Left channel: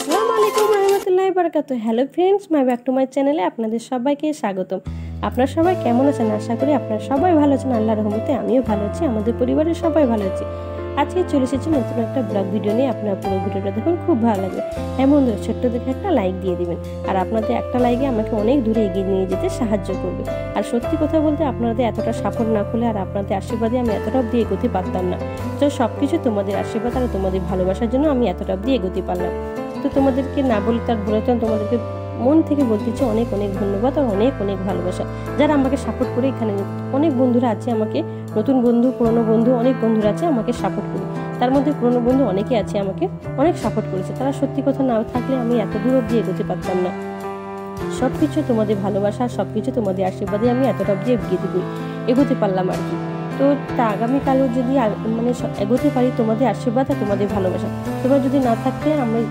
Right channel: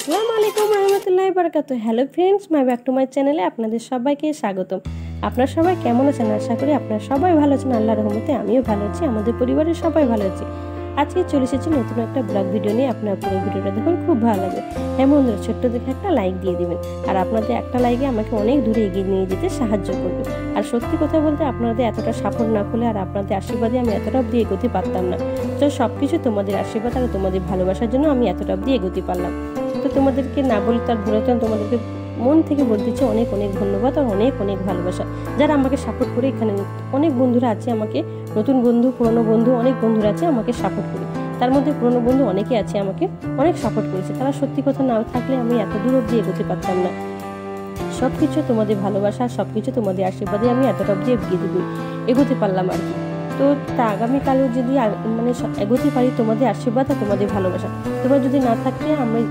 আসসালামু আলাইকুম রহমতুল্লাহি বারাকাতুহু। Hello friends, my back to my চ্যানেলে আপনাদের সবাইকে স্বাগতম। আপনারা সবাই কেমন আছেন? আশা করি আপনারা সবাই ভালো আছেন। আল্লাহর রহমতে আমিও ভালো আছি, আমাদের পরিবারের সবাই ভালো আছি। আজকে চলে এসেছি নতুন একটা ব্লগ ভিডিও নিয়ে। আপনারা পুরো ভিডিওটা দেখুন, খুব ভালো লাগবে। হ্যাঁ বন্ধুরা, ছোট্ট দেখে একটা লাইক দিয়ে দিবেন। আর আপনাদের একটা লাইকে আমাকে অনেক দূরে এগিয়ে নিয়ে যেতে সাহায্য করবে। আর সত্যি কথা বলতে আপনাদের এতটা সাপোর্ট না করলে আর আপনাদের আশীর্বাদে আমি এতটা অবধি এগোতে পারতাম না। তো সব কিছু তোমাদের আশীর্বাদ আর তোমাদের ভালোবাসার জন্য আমি এতটা অবধি এগোতে পারলাম। তো তোমাদেরকে না বলে তার বলেছেন, তোমাদেরকে মন থেকে বলতেছি অনেক অনেক ধন্যবাদ আর অনেক অনেক ভালোবাসা, যারা আমাকে সাপোর্ট করে। এখানে অনেক বন্ধুরা আছে আমাকে, নতুন বন্ধু, পুরনো বন্ধু, অনেক বন্ধুরা আছে আমাকে সাপোর্ট করে। তার মধ্যে পুরনো বন্ধু অনেকে আছে আমাকে অনেক সাপোর্ট করেছে। তারা সত্যি কথা না থাকলে আমি এত দূর অবধি এগোতে পারতাম না। সব কিছু তোমাদের ভালোবাসা, সব কিছু তোমাদের আশীর্বাদে আমি এতটা অবধি এগোতে পারলাম আর কি। তো তা আগামীকালও যদি মানে এগোতে পারি তোমাদের আশীর্বাদ আর তোমাদের ভালোবাসা। তোমরা যদি না থাকতে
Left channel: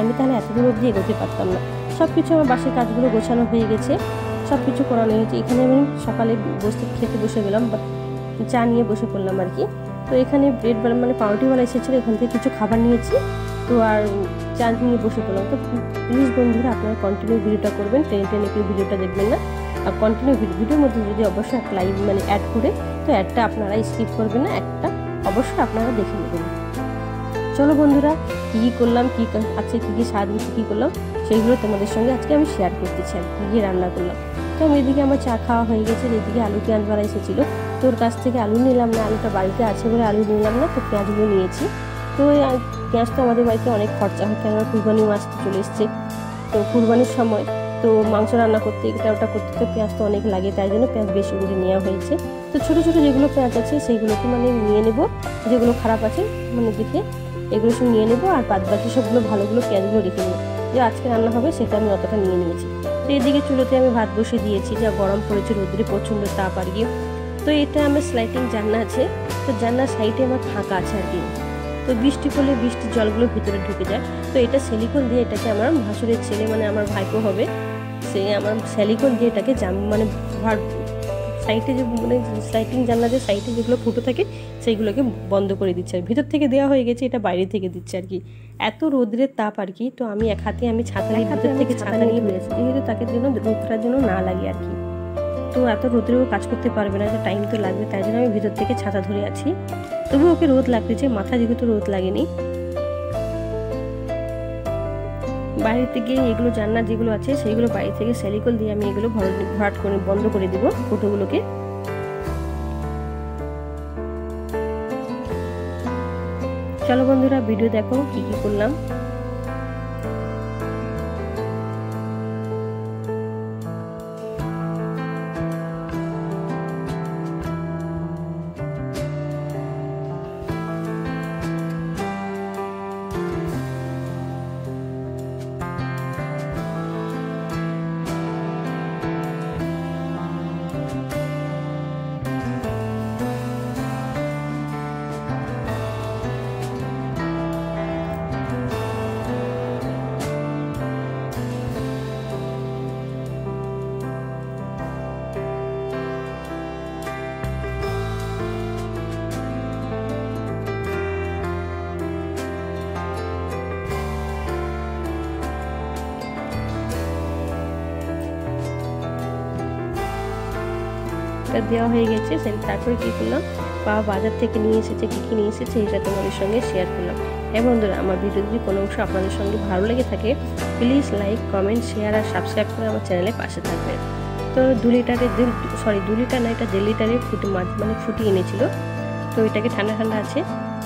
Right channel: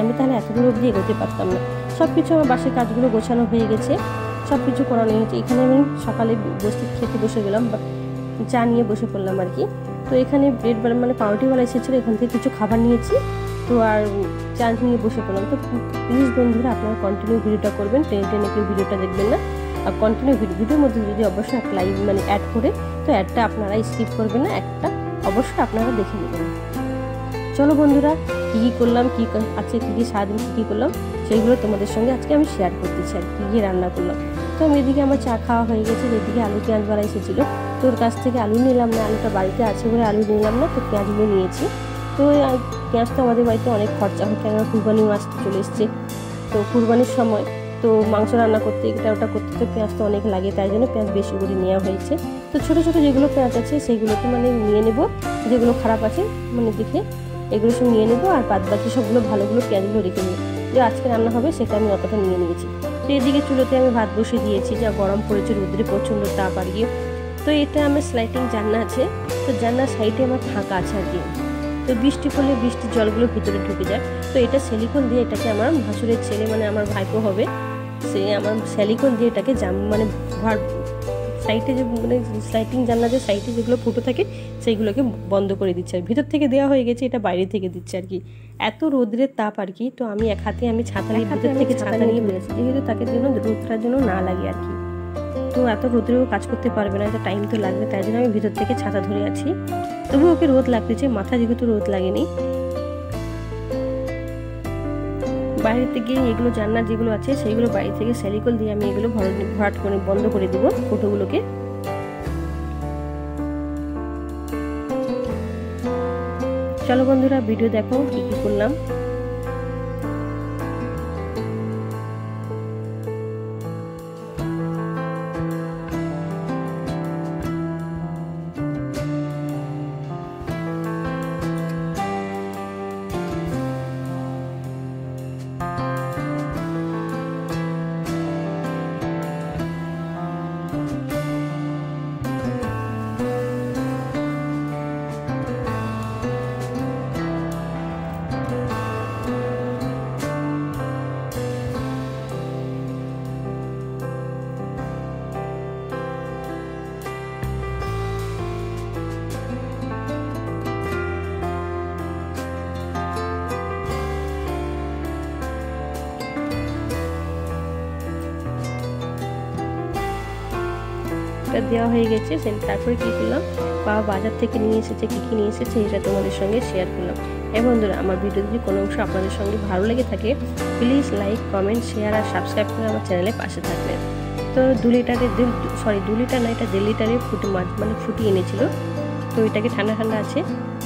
আমি তাহলে এত দূর অবধি এগোতে পারতাম না। সব কিছু আমার বাসের কাজগুলো গোছানো হয়ে গেছে, সব কিছু করানো হয়েছে। এখানে আমি সকালে খেতে বসে গেলাম, চা নিয়ে বসে পড়লাম আর কি। তো এখানে ব্রেড মানে পাউরুটিওয়ালা এসেছিলো, এখান থেকে কিছু খাবার নিয়েছি। তো আর চা নিয়ে বসে পড়লাম। তো প্লিজ বন্ধুরা, আপনারা কন্টিনিউ ভিডিওটা করবেন, টেনে টেনে কেউ ভিডিওটা দেখবেন না। আর কন্টিনিউ ভিডিওর মধ্যে যদি অবশ্যই একটা লাইভ মানে অ্যাড করে, তো অ্যাডটা আপনারা স্কিপ করবেন না, একটা অবশ্যই আপনারা দেখে নেবেন। চলো বন্ধুরা, কী কী করলাম, আজকে কী কী সারাদিন কী করলাম সেইগুলো তোমাদের সঙ্গে আজকে আমি শেয়ার করতেছি আর কী কী রান্না করলাম। তো আমি এদিকে আমার চা খাওয়া হয়ে গেছে, এদিকে আলু পেঁয়াজওয়ালা এসেছিলো। তোর কাছ থেকে আলু নিলাম না, আলুটা বাড়িতে আছে বলে আলু নিলাম না, তো পেঁয়াজগুলো নিয়েছি। তো পেঁয়াজ তো আমাদের বাড়িতে অনেক খরচা হয়, কেননা কুরবানি মাছ তো চলে এসছে। তো কুরবানির সময় তো মাংস রান্না করতে এটা ওটা করতে তো পেঁয়াজ তো অনেক লাগে, তাই জন্য পেঁয়াজ বেশি করে নেওয়া হয়েছে। তো ছোটো ছোটো যেগুলো পেঁয়াজ আছে সেইগুলোকে মানে নিয়ে নেব, যেগুলো খারাপ আছে মানে দেখে এগুলো সব নিয়ে নেবো। আর বাদ বাকি সবগুলো ভালোগুলো পেঁয়াজগুলো রেখে নেবো, যে আজকে রান্না হবে সেটা আমি অতটা নিয়ে নিয়েছি। তো এদিকে চুলোতে আমি ভাত বসিয়ে দিয়েছি, যা গরম পড়েছে, রোদ্রে প্রচণ্ড তাপ আর কি। তো এটা আমার স্লাইডিং জানলা আছে, তো জানলার সাইডে আমার ফাঁকা আছে আর কি। তো বৃষ্টি পড়লে বৃষ্টির জলগুলো ভিতরে ঢুকে যায়। তো এটা সিলিকন দিয়ে, এটাকে আমার ভাসুরের ছেলে মানে আমার ভাইপো হবে, সে আমার সিলিকন দিয়ে এটাকে মানে সাইডে যে মানে স্লাইডিং জানলা যে সাইডে যেগুলো ফুটো থাকে সেইগুলোকে বন্ধ করে দিচ্ছে। আর ভিতর থেকে দেওয়া হয়ে গেছে, এটা বাইরে থেকে দিচ্ছে আর কি। এত রোদ্রের তাপ আর কি। তো আমি এক হাতে আমি ছাতা নিয়ে ভিতর থেকে ছাতা নিয়ে বেরিয়েছি, যেহেতু তাকে জন্য রোদটার জন্য না লাগে আর কি। তো এত রোদ্রেও কাজ করতে পারবে না, তো টাইম তো লাগবে, তাই জন্য আমি ভিতর থেকে ছাতা ধরে আছি। তবু ওকে রোদ লাগতেছে, মাথা যেহেতু রোদ লাগেনি। বাইরে গিয়ে এগুলো জানলা যেগুলো আছে সেইগুলো বাইরে থেকে সিলিকন দিয়ে আমি এগুলো ভরাট করে বন্ধ করে দিব ফুটোগুলোকে। চলো বন্ধুরা, ভিডিও দেখো কি কি করলাম। দেওয়া হয়ে গেছে, তারপরে কি করলাম, বাবা বাজার থেকে নিয়ে এসেছে, কী নিয়ে এসেছে এটা তোমাদের সঙ্গে শেয়ার করলাম। হ্যাঁ বন্ধুরা, আমার ভিডিও যদি কোনো অংশ আপনাদের সঙ্গে ভালো লেগে থাকে, প্লিজ লাইক, কমেন্ট, শেয়ার আর সাবস্ক্রাইব করে আমার চ্যানেলের পাশে থাকবেন। তো 2 লিটার না, এটা 1.5 লিটারের ফুটি এনেছিল। তো এটাকে ঠান্ডা ঠান্ডা আছে,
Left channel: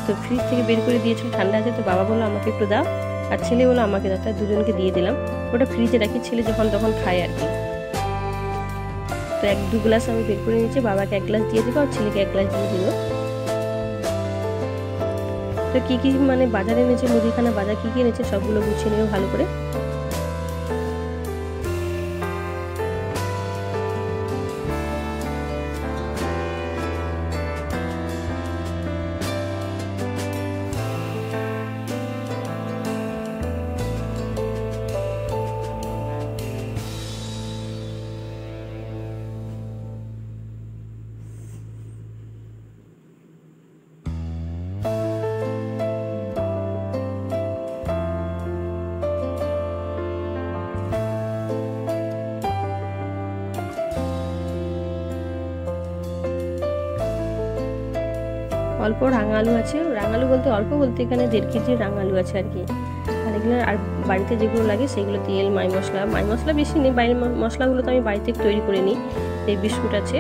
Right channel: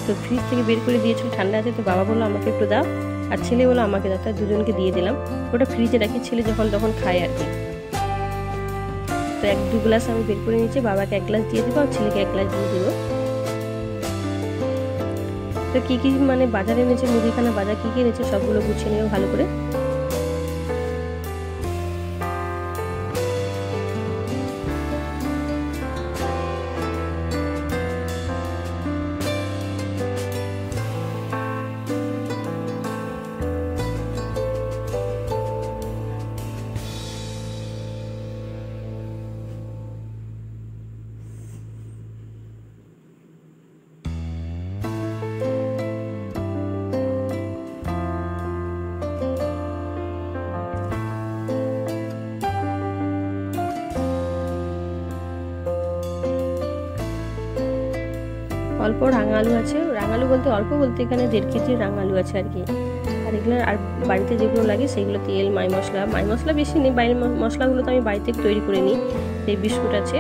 তো ফ্রিজ থেকে বের করে দিয়েছিল, ঠান্ডা আছে। তো বাবা বললো আমাকে একটু দাও, আর ছেলে বললো আমাকে দাও, তাই দুজনকে দিয়ে দিলাম। ওটা ফ্রিজে রাখি, ছেলে যখন তখন খায় আর কি। তো 1-2 গ্লাস আমি বের করে নিয়েছি, বাবাকে 1 গ্লাস দিয়ে দেবো আর ছেলেকে 1 গ্লাস দিয়ে দেবো। তো কী কী মানে বাজারে এনেছে, মুদিখানা বাজার কী কী এনেছে সবগুলো গুছিয়ে নেবো ভালো করে। অল্প রাঙা আলু আছে, রাঙা আলু বলতে অল্প বলতে এখানে 1.5 কেজি রাঙা আলু আছে আর কি। আর এগুলো আর বাড়িতে যেগুলো লাগে সেগুলো তেল, মাই মশলা বেশি নেই, বাইরের মশলাগুলো তো আমি বাড়িতে তৈরি করে নিই। এই বিস্কুট আছে,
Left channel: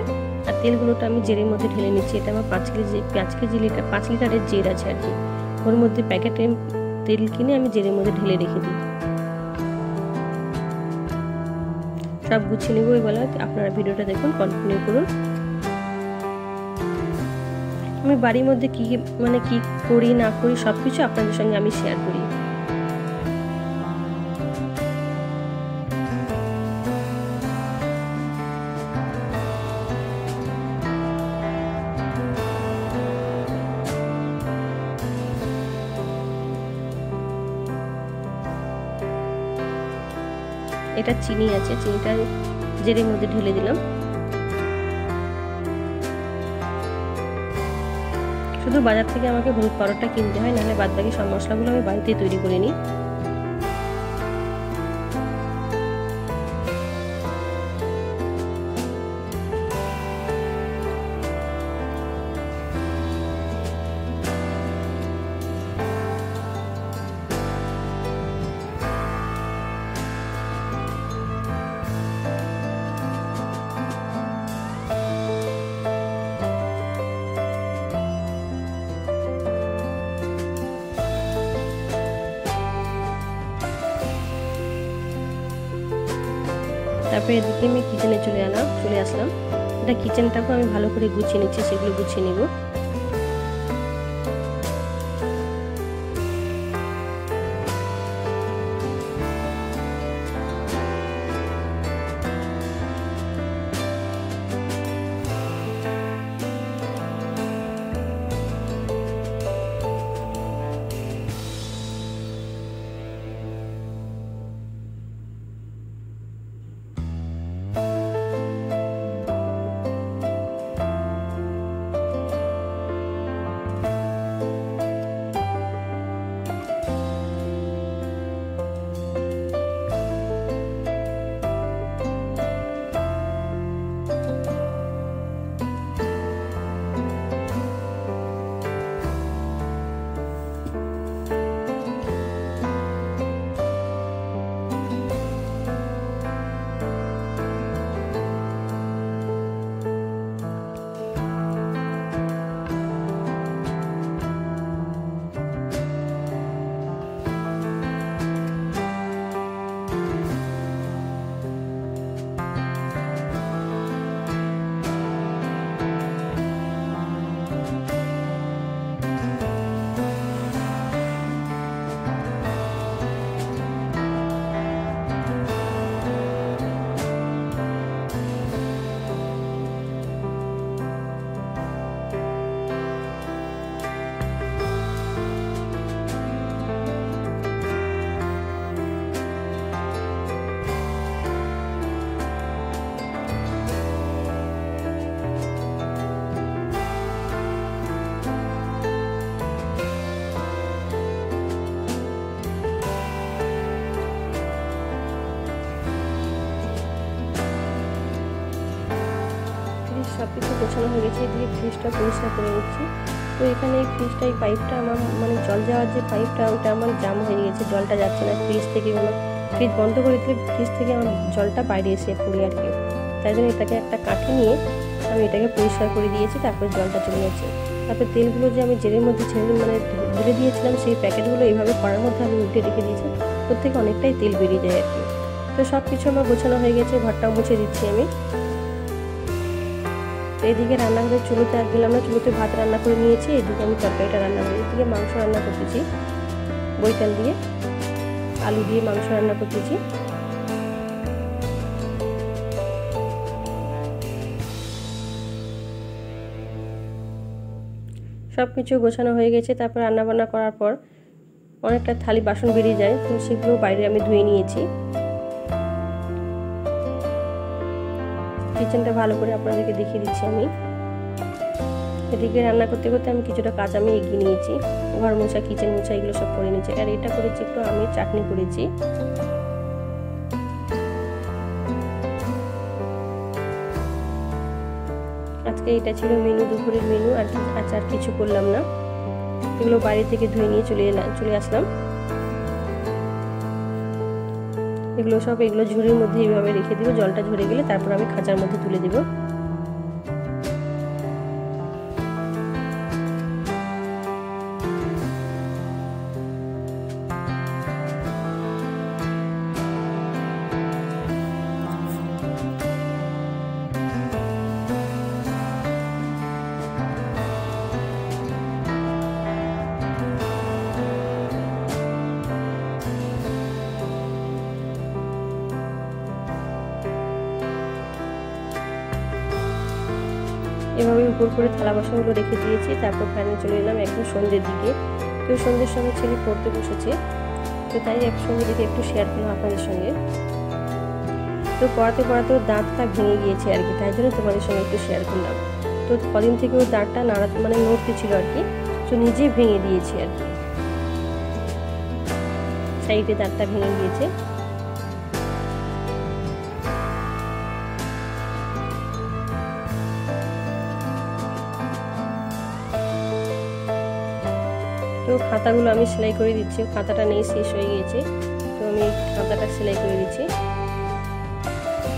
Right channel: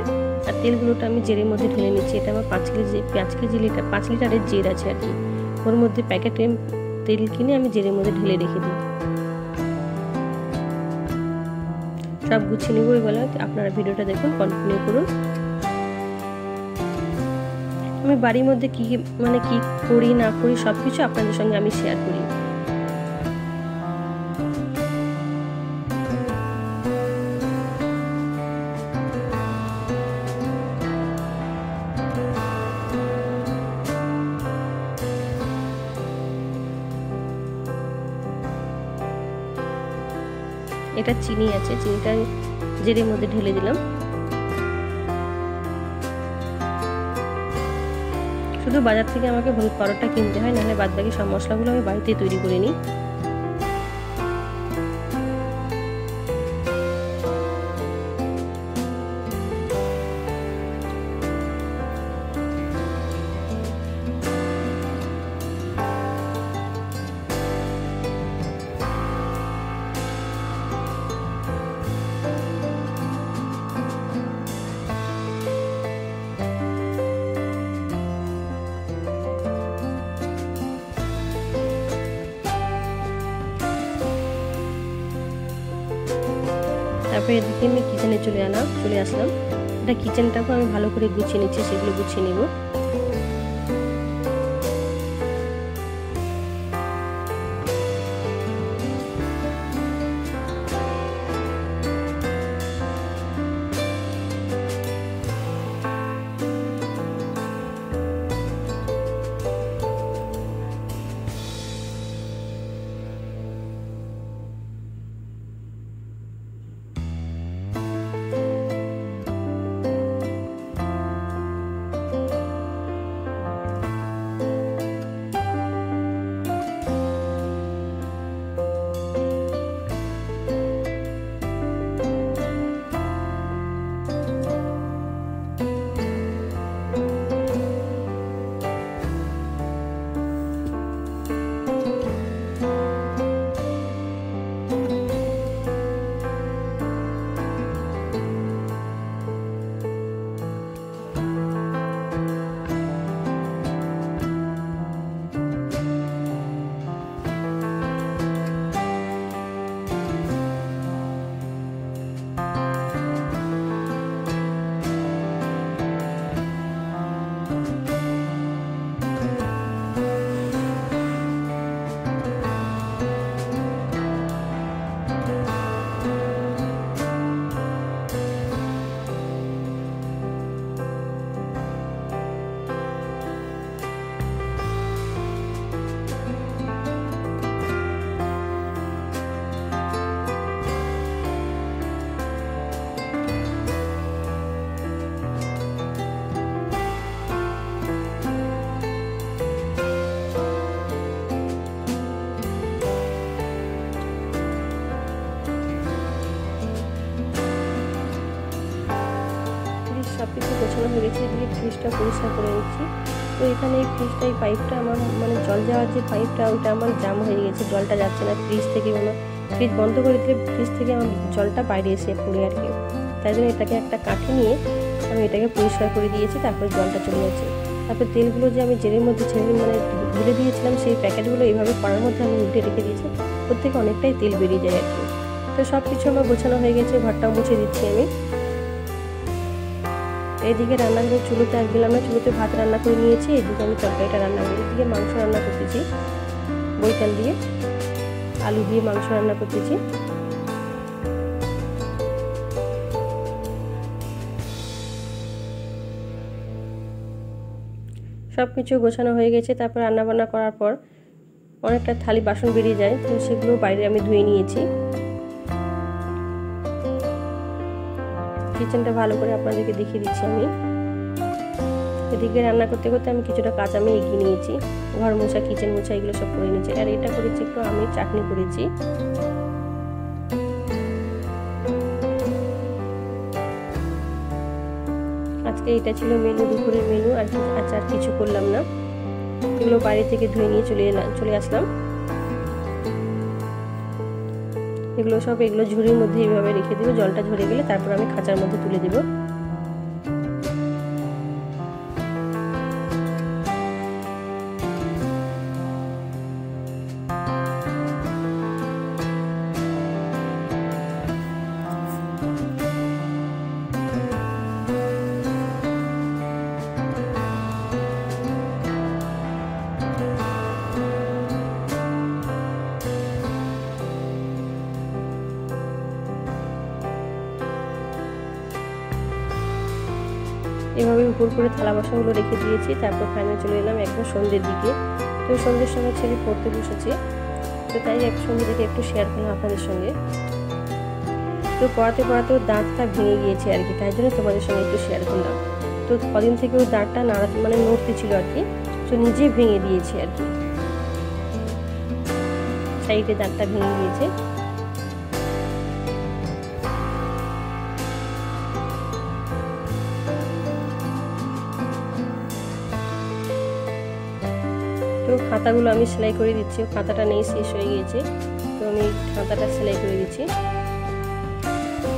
আর তেলগুলোটা আমি জেরের মধ্যে ঢেলে নিচ্ছি। এটা আমার 5 লিটারের জের আছে আর কি। ওর মধ্যে প্যাকেটে তেল কিনে আমি জেরের মধ্যে ঢেলে রেখে দিই। সব গুছিয়ে নেবো এগুলো, আপনারা ভিডিওটা দেখুন, কন্টিনিউ করুন। আমি বাড়ির মধ্যে কি করি না করি সব কিছু আপনাদের সঙ্গে আমি শেয়ার করি। এটা চিনি আছে, চিনিটা জেরের মধ্যে ঢেলে দিলাম। শুধু বাজার থেকে আমাকে হলুদ পাউডারটা কিনতে হয়, নাহলে বাদ বাকি সব মশলাগুলো আমি বাড়িতেই তৈরি করে নিই। তারপরে এদিকে আমি কিচেনে চলে আসলাম। এটা কিচেনটাকে আমি ভালো করে গুছিয়ে নিচ্ছি, সেগুলো গুছিয়ে নিব। সব কিছু গোছানো হয়ে গেছে। এদিকে ফ্রিজটা পরিষ্কার করে নিচ্ছি। তো এখানে এই ফ্রিজটা, এই পাইপটা আমার জল যাওয়ার যে পাইপটা, ওটা আমার জাম হয়ে গেছে, জলটা যাচ্ছে না ফ্রিজ থেকে। ফ্রিজ বন্ধ করে দিলে ফ্রিজ থেকে আমার জলটা বাইরে এসে পড়ে আর কি। তাই জন্য এটাকে একটা কাঠি নিয়ে আমি এটাকে পরিষ্কার করে দিয়েছি, তারপরে জলটা চলে যাচ্ছে। তারপর তেলগুলো যে আমি জেরের মধ্যে ঢেলে দিয়েছিলাম, সেই প্যাকেটগুলো এইভাবে কড়ার মধ্যে আমি উল্টে রেখে দিয়েছি, ওর থেকে অনেকটাই তেল বেরিয়ে যায় আর কি। তো সব কিছু আমার গোছানো হয়ে গেছে, ঘরটাও মুছে দিচ্ছি আমি। এদিকে রান্নাঘরের চুলোতে আর গেলাম না, চুলোতে ভাত রান্না করে নিয়েছি। এদিকে আমি তরকারিটা রান্না করি। এদিকে মাংস রান্না করতেছি, বৈতাল দিয়ে আলু দিয়ে মাংস রান্না করতেছি। সব কিছু গোছানো হয়ে গেছে। তারপর রান্নাবান্না করার পর অনেকটা থালি বাসন বেরিয়ে যায়, তো সেগুলো বাইরে আমি ধুয়ে নিয়েছি। কিচেনটা ভালো করে আপনাদেরকে দেখিয়ে দিচ্ছি আমি। এদিকে রান্না করতে করতে আমি কিছুটা কাজ আমি এগিয়ে নিয়েছি, ঘর মোছা, কিচেন মোছা, এগুলো সব করে নিয়েছি। আর এটা করেছি একটু আমি চাটনি করেছি। আর আজকে এটা ছিল মেনু, দুপুরের মেনু। আর আচার কিছু করলাম না, এগুলো বাড়ি থেকে ধুয়ে নিয়ে চলে আসলাম। এগুলো ঝুড়ির মধ্যে এইভাবে রেখে দিব, জলটা ঝরে গেলে তারপর আমি খাঁচার মধ্যে তুলে দিব। এভাবে উপর করে থালা বাসনগুলো রেখে দিয়েছি। তারপর ফাইনাল চলে এলাম একদম সন্ধ্যের দিকে। তো সন্ধ্যের সময় ছেলে পড়তে বসেছে, তো তাই সন্ধ্যের দিকে একটু শেয়ার করলাম আপনাদের সঙ্গে। তো পড়াতে পড়াতে ওর দাঁতটা ভেঙে গিয়েছে আর কি, তাই জন্য তোমাদের সঙ্গে একটু শেয়ার করলাম। তো কদিন থেকে ওর দাঁতটা নড়তে ছিল আর কি, তো নিজে ভেঙে দিয়েছি আর কি, সাইডে দাঁতটা ভেঙে গিয়েছে। তো খাতাগুলো আমি সেলাই করে দিচ্ছি, খাতাটা নেই, শেষ হয়ে গিয়েছে, তো আমি খাতাটা সেলাই করে দিচ্ছি।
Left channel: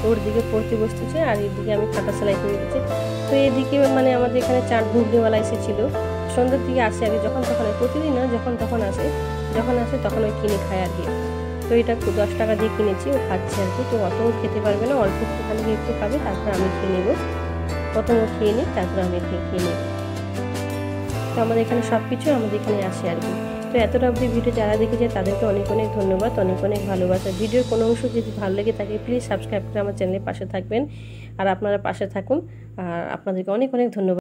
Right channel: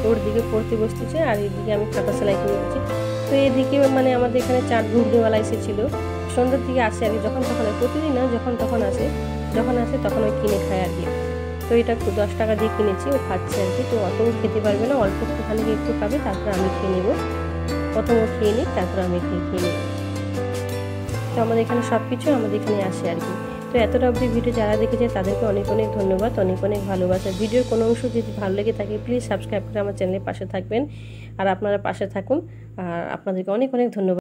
ওর দিকে পড়তে বসতেছে আর এদিকে আমি খাতা সেলাই করে দিচ্ছি। তো এদিকে আমাদের এখানে চাট ঘুগনিওয়ালা এসেছিলো, সন্ধ্যার দিকে আসে আর কি, যখন তখন, প্রতিদিন না, যখন তখন আসে তখন ওই কিনে খায় আর কি। তো এটা 10 টাকা দিয়ে কিনেছি, ও খাচ্ছে আর কি। তো অত খেতে পারবে না, অল্প একটুখানি একটু খাবে, তারপর আমি খেয়ে নেবো। প্রথম ও খেয়ে নিই, তারপর আমি খেয়ে নেব। তো আমাদের এখানে সব কিছু আমাদের এখানে আসে আর কি। তো এতটা অবধি ভিডিও যারা দেখেছে তাদেরকে অনেক অনেক ধন্যবাদ, অনেক অনেক ভালোবাসা। ভিডিওর কোনো অংশ যদি ভালো লেগে থাকে প্লিজ সাবস্ক্রাইব করে আমার চ্যানেলের পাশে থাকবেন, আর আপনারা পাশে থাকুন। আর আপনাদেরকে অনেক অনেক ধন্যবাদ।